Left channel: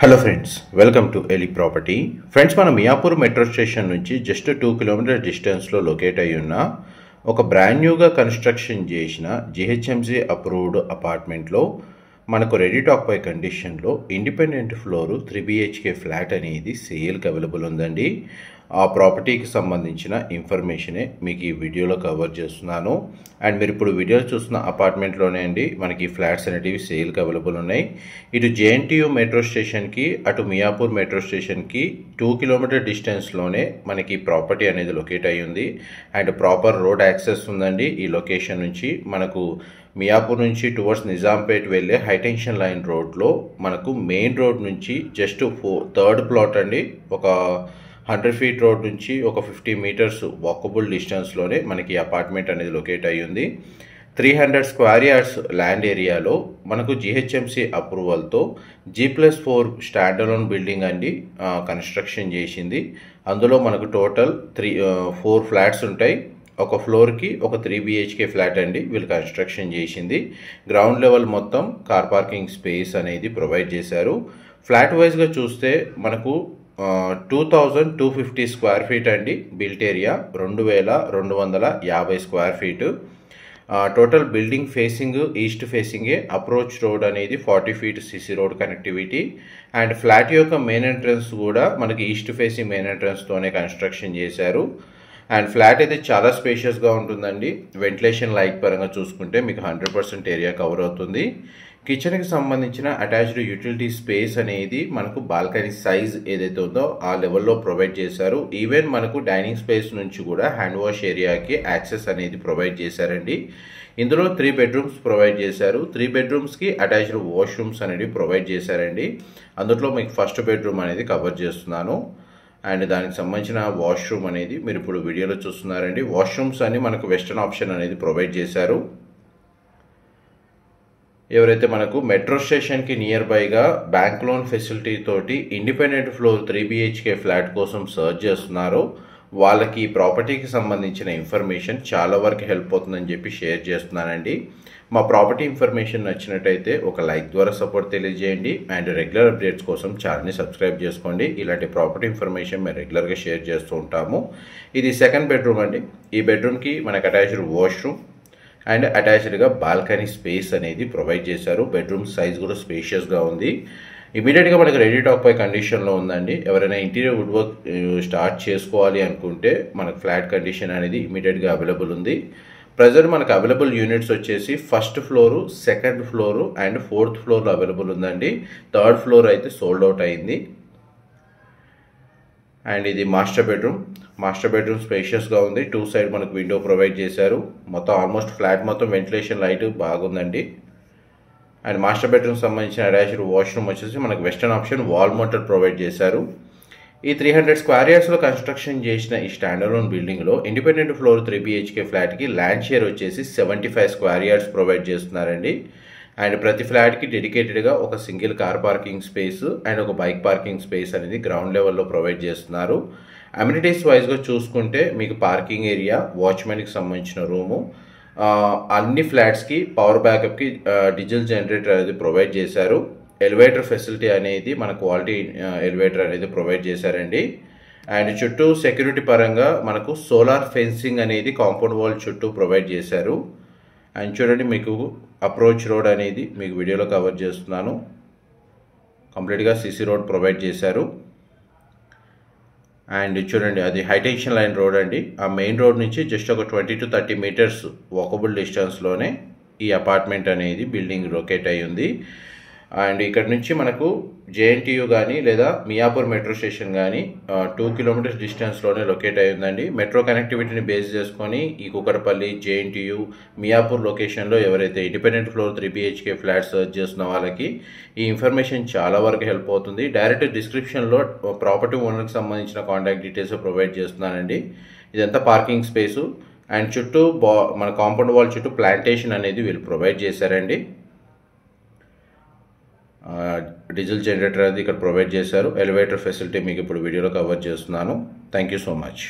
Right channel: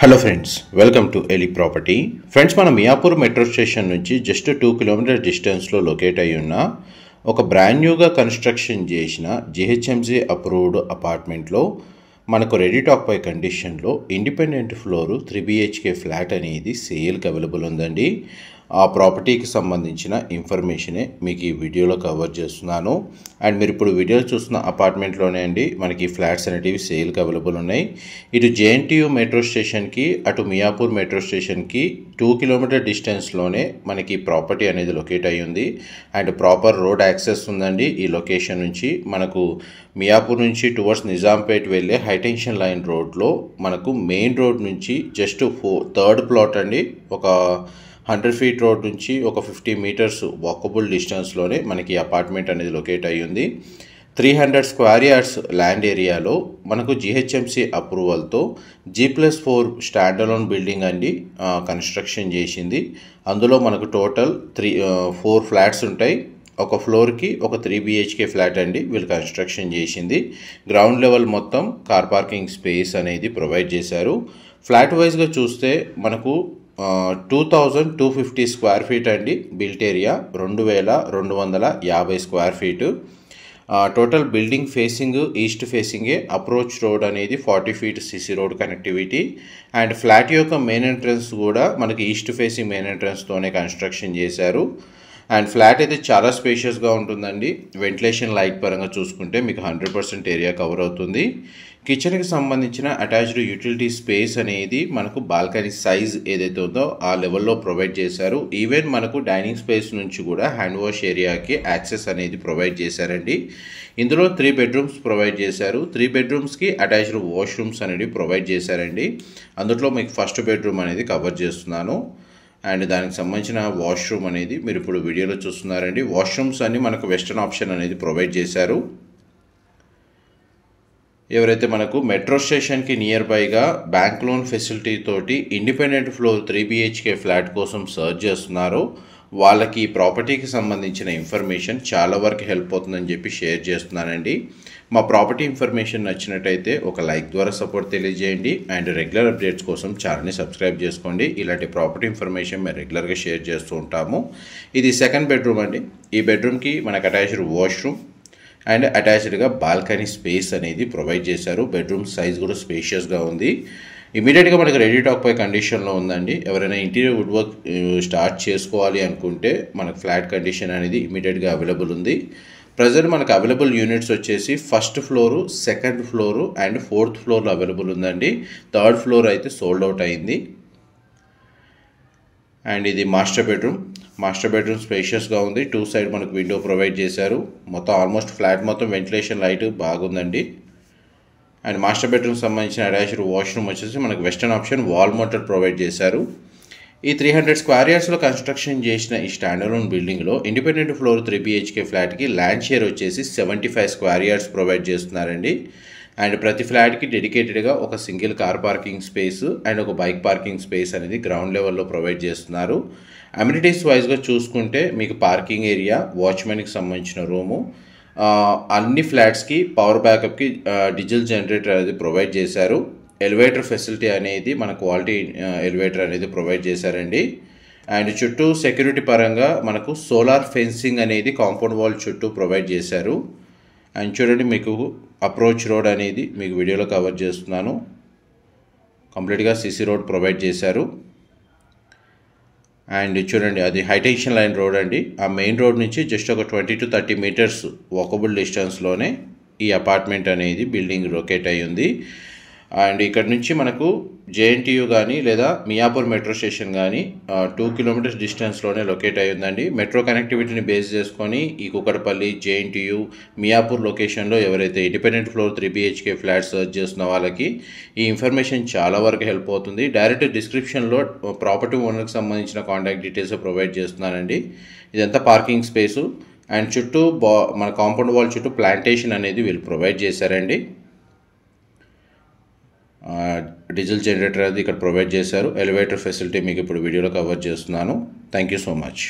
Hello friends, welcome to Eli property. Friends, మనం Miyapur metro station నుంచి just 2 kilometre డిస్టెన్స్లో locate అయి ఉన్న ఒక బ్రాండ్ న్యూగా కన్స్ట్రక్షన్ చేసిన జిహెచ్ఎంసీ అప్రూవ్డ్ అపార్ట్మెంట్లో మనకు రెడీ టాక్ పై కండిషన్లో ఇండిపెండెంట్ ఫ్లోరు 3 BHK ఫ్లాట్ అనేది సేల్కి అవైలబుల్ ఉందండి. ఆ ప్రాపర్టీకి సంబంధించిన ఇన్ఫర్మేషనే మీకు ఈ వీడియోలో కవర్ చేస్తున్నాను. అండ్ మీరు ఇప్పుడు వీడియో చూస్తున్న అపార్ట్మెంట్లోనే అండి మనకి ఫ్లాట్స్ అనేటివి సేల్కి అవైలబుల్ ఉన్నాయి. ఇటు జేఎన్టీయూ మెట్రో స్టేషన్కి అటు మియాపూర్ మెట్రో స్టేషన్కి 2 కిలోమీటర్ డిస్టెన్స్లోనే మనకి ప్రాపర్టీ అనేది లొకేట్ అయ్యి ఉంది. అండ్ ప్రాపర్ రోడ్ యాక్సెస్ ఉందండి. ఈ లొకేషన్ నుంచి మనకు మియాపూర్ నుంచి టువర్డ్స్ నిజాంపేట్ వెళ్ళే హైటెన్షన్ లైన్ రోడ్లో మనకు మెయిన్ రోడ్ నుంచి జస్ట్ థర్డ్ ప్లాట్ అండి, ఒక 100 ఫీట్ రోడ్ నుంచి ఒక 50 మీటర్స్ వాకబుల్ డిస్టెన్స్లోనే మనకి అపార్ట్మెంట్ అనేది లొకేట్ అయ్యి ఉంది. 300 స్క్వేర్ యార్డ్స్ ల్యాండ్ ఏరియాలో మనకు జిహెచ్ఎంసీ అప్రూవల్తో G+4 స్టాండ్ అలోన్ బిల్డింగ్ అండి కన్స్ట్రక్షన్ చేసింది. అందులో మనకు టోటల్ 4 ఫ్లాట్స్ ఉంటాయి. ఒక ఫ్లోర్కి ఒక 3 BHK ఫ్లాట్ అండి వీళ్ళు కన్స్ట్రక్షన్ చేసింది. గ్రౌండ్ లెవెల్ మొత్తం కార్ పార్కింగ్ స్పేస్ అనేది ప్రొవైడ్ చేశారు. ఫ్లాట్ వైజ్గా చూస్తే మనకు 2250 స్క్వేర్ ఫీట్ అండి built area, 2250 square feet. Total building facing east ఫేసింగే. అప్రోచ్ రోడ్ అనేది 40 feet CC road connectivity. And flat యొక్క మెయిన్ ఎంట్రన్స్ కూడా మనకి ఈస్ట్ ఫేసింగ్ మెయిన్ ఎంట్రన్స్తోనే కన్స్ట్రక్షన్ చేశారు. అండ్ ఫ్లాట్ అయితే చాలా స్పేషియస్గా ఉంటుందండి. వెంటిలేషన్ లైట్ పరంగా చూసుకుంటే మీకు 100% ఏరియా కవర్ అవుతుంది. కిచెన్కి సంబంధించిన అటాచ్డ్ యూటిలిటీ స్పేస్ అనేది మనకు బాల్కనీ సైజ్ ఏదైతే ఉందో ఆ లెవెల్లో ప్రొవైడ్ చేశారు. ఈవెన్ మనకు డైనింగ్ స్పేస్ నుంచి కూడా హ్యాండ్ వాష్ ఏరియాకి యాక్సెస్ అనేది ప్రొవైడ్ చేశారండి. ఇందులో 3 బెడ్రూమ్స్ ప్రొవైడ్ చేశారు. 3 బెడ్రూమ్స్కి అటాచ్డ్ వాష్రూమ్స్ అనేది ప్రొవైడ్ చేశారండి. అందులో మీకు ఫస్ట్ బెడ్రూమ్ అనేది కవర్ చేస్తున్నాను. అండ్ దానికి సంబంధించిన వాష్రూమ్ అనేది మీరు ఇప్పుడు వీడియోలో చూస్తున్నారండి. వాష్రూమ్స్ అన్ని మనకు వెస్టర్న్ ఆప్షన్ అనేది ప్రొవైడ్ చేశారు. ఎవరైతే మనకు మెట్రో స్టేషన్కి నియర్ బైగా బ్యాంక్ లోన్ ఫెసిలిటీ తోటి ఇండిపెండెంట్ ఫ్లోర్ 3 BHK ఫ్లాట్ కోసం సర్చ్ చేస్తున్నారో వాళ్ళకి ఈ ప్రాపర్టీకి సంబంధించిన ఇన్ఫర్మేషన్ చాలా వరకు హెల్ప్ అవుతుందని చెప్పి షేర్ చేస్తున్నానండి. మా ప్రాపర్టీ ఇన్ఫర్మేషన్ నచ్చినట్టయితే ఒక లైక్ ద్వారా సపోర్ట్ తెలియజేయండి. అండ్ రెగ్యులర్ అప్డేట్స్ కోసం ఛానల్ని సబ్స్క్రైబ్ చేసుకోండి. ఇలాంటి ప్రాపర్టీ ఇన్ఫర్మేషన్ మేము రెగ్యులర్గా షేర్ చేస్తూ ఉంటాము. ఇది సెకండ్ బెడ్రూమ్ అండి. ఈ బెడ్రూమ్కి మనకు అటాచ్డ్ వాష్రూమ్ అండ్ అటాచ్డ్గా బాల్కనీ స్పేస్ అనేది ప్రొవైడ్ చేశారు. బెడ్రూమ్ సైజ్ కూడా స్పేషియస్గా ఉంది. ఇమీడియట్గా మనకు రెడీ టాక్ పై కండిషన్లో ఉందండి. ఎవరైనా ఇంటీరియర్ వుడ్ వర్క్ స్టార్ట్ చేసుకోవాలి అనుకుంటే మనకు ఫ్లాట్ కండిషన్ అనేది ఇమీడియట్గా అవైలబుల్ ఉంది. ప్రజెంట్ మనకు అవైలబుల్ యూనిట్స్ వచ్చేసి first floor, second floor and 4th ఫ్లోర్లో అవైలబుల్ ఉందండి. 3rd ఫ్లోర్ అయితే సోల్డ్ అవుట్ అయింది. అండ్ ఇది మాస్టర్ బెడ్రూమ్ స్పేషియస్గా ఉంది. 2 సైడ్ మనకు విండో ప్రొవైడ్ చేశారు. మొత్తం ఆల్మోస్ట్ ఫ్లాట్ మొత్తం వెంటిలేషన్ లైట్ బాగుందండి. అండ్ మాస్టర్ బెడ్రూమ్ సంబంధించిన అటాచ్డ్ వాష్రూమ్ వచ్చేసి మనకు western option wall motor provide చేశారు. ఈ 300 స్క్వేర్ యార్డ్స్లో కన్స్ట్రక్షన్ చేసిన ఈ స్టాండ్ అలోన్ బిల్డింగ్లో ఇండిపెండెంట్ ఫ్లోర్ 3 BHK ఫ్లాట్కి ల్యాండ్ షేర్ వచ్చేసి 75 స్క్వేర్ యార్డ్స్ ప్రొవైడ్ చేస్తున్నారండి. అండ్ ప్రతి ఫ్లాట్కి డెడికేటెడ్గా ఒక single car parking space and ఒక బైక్ పార్కింగ్ స్పేస్ అనేది గ్రౌండ్ లెవెల్లో ప్రొవైడ్ చేస్తున్నారు. అమ్యూనిటీస్ వైజ్గా చూసుకుంటే మీకు పార్కింగ్ ఏరియా, వాచ్మెన్కి సంబంధించిన రూము, అన్ని ఫ్లాట్స్కి పవర్ బ్యాకప్కి డీజిల్ జనరేటర్ అనేది ప్రొవైడ్ చేశారు. ఎలివేటర్ ఫెసిలిటీ అనేది మన క్వాలిటీ ఎలివేటర్ అనేది ప్రొవైడ్ చేశారండి. అండ్ చుట్టూ సెక్యూరిటీ పరంగా మనకు సోలార్ ఫెన్సింగ్ అనేది కాంపౌండ్ వాల్ చుట్టూ ప్రొవైడ్ చేశారు. అండ్ చూడండి, మీకు అప్రోచ్ రోడ్ అనేది మీకు వీడియోలో కవర్ చేస్తున్నాను. కంప్లీట్గా సిసి రోడ్ ప్రొవైడ్ చేశారు. అండ్ చూడండి, అది హైటెన్షన్ లైన్ రోడ్ అండి. ఆ మెయిన్ రోడ్ నుంచి జస్ట్ ఒక 20 to 30 మీటర్స్ వాకబుల్ డిస్టెన్స్లోనే ఈ అపార్ట్మెంట్ అనేది బిల్డింగ్ లొకేట్ అయ్యి ఉంది. అండ్ ఇక్కడ నుంచి మనకు జేఎన్టీయూ కానీ లేదా మియాపూర్ మెట్రో స్టేషన్ కానీ 2 కిలోమీటర్స్ డిస్టెన్స్లోనే లొకేట్ అయ్యి ఉందండి. మెట్రో కనెక్టివిటీని బేస్ చేసుకొని ఈ కుకట్పల్లి, జేఎన్టీయూ, మియాపూర్ లొకేషన్లో ఎవరైతే independent floor 3 BHK flat search చేస్తున్న వాళ్ళకి ఈ ఇన్ఫర్మేషన్ చాలా వరకు హెల్ప్ అవుతుంది. డైరెక్ట్ డిస్క్రిప్షన్లో ప్రాపర్టీ ఓనర్కి సంబంధించిన కాంటాక్ట్ డీటెయిల్స్ ప్రొవైడ్ చేస్తున్నానండి. ఇదంతా పార్కింగ్ స్పేసు. అండ్ చుట్టూ మన కాంపౌండ్ వాల్ చుట్టూ ప్లాంటేషన్ అనేది వీళ్ళు ప్రొవైడ్ చేశారండి. డీజిల్ జనరేటర్ అది ఇక్కడ ప్రొవైడ్ చేశారు. ఎలివేటర్ ఫెసిలిటీ మీకు ఇప్పుడు వీడియోలో కవర్ చేస్తున్నాను. Thank you so much.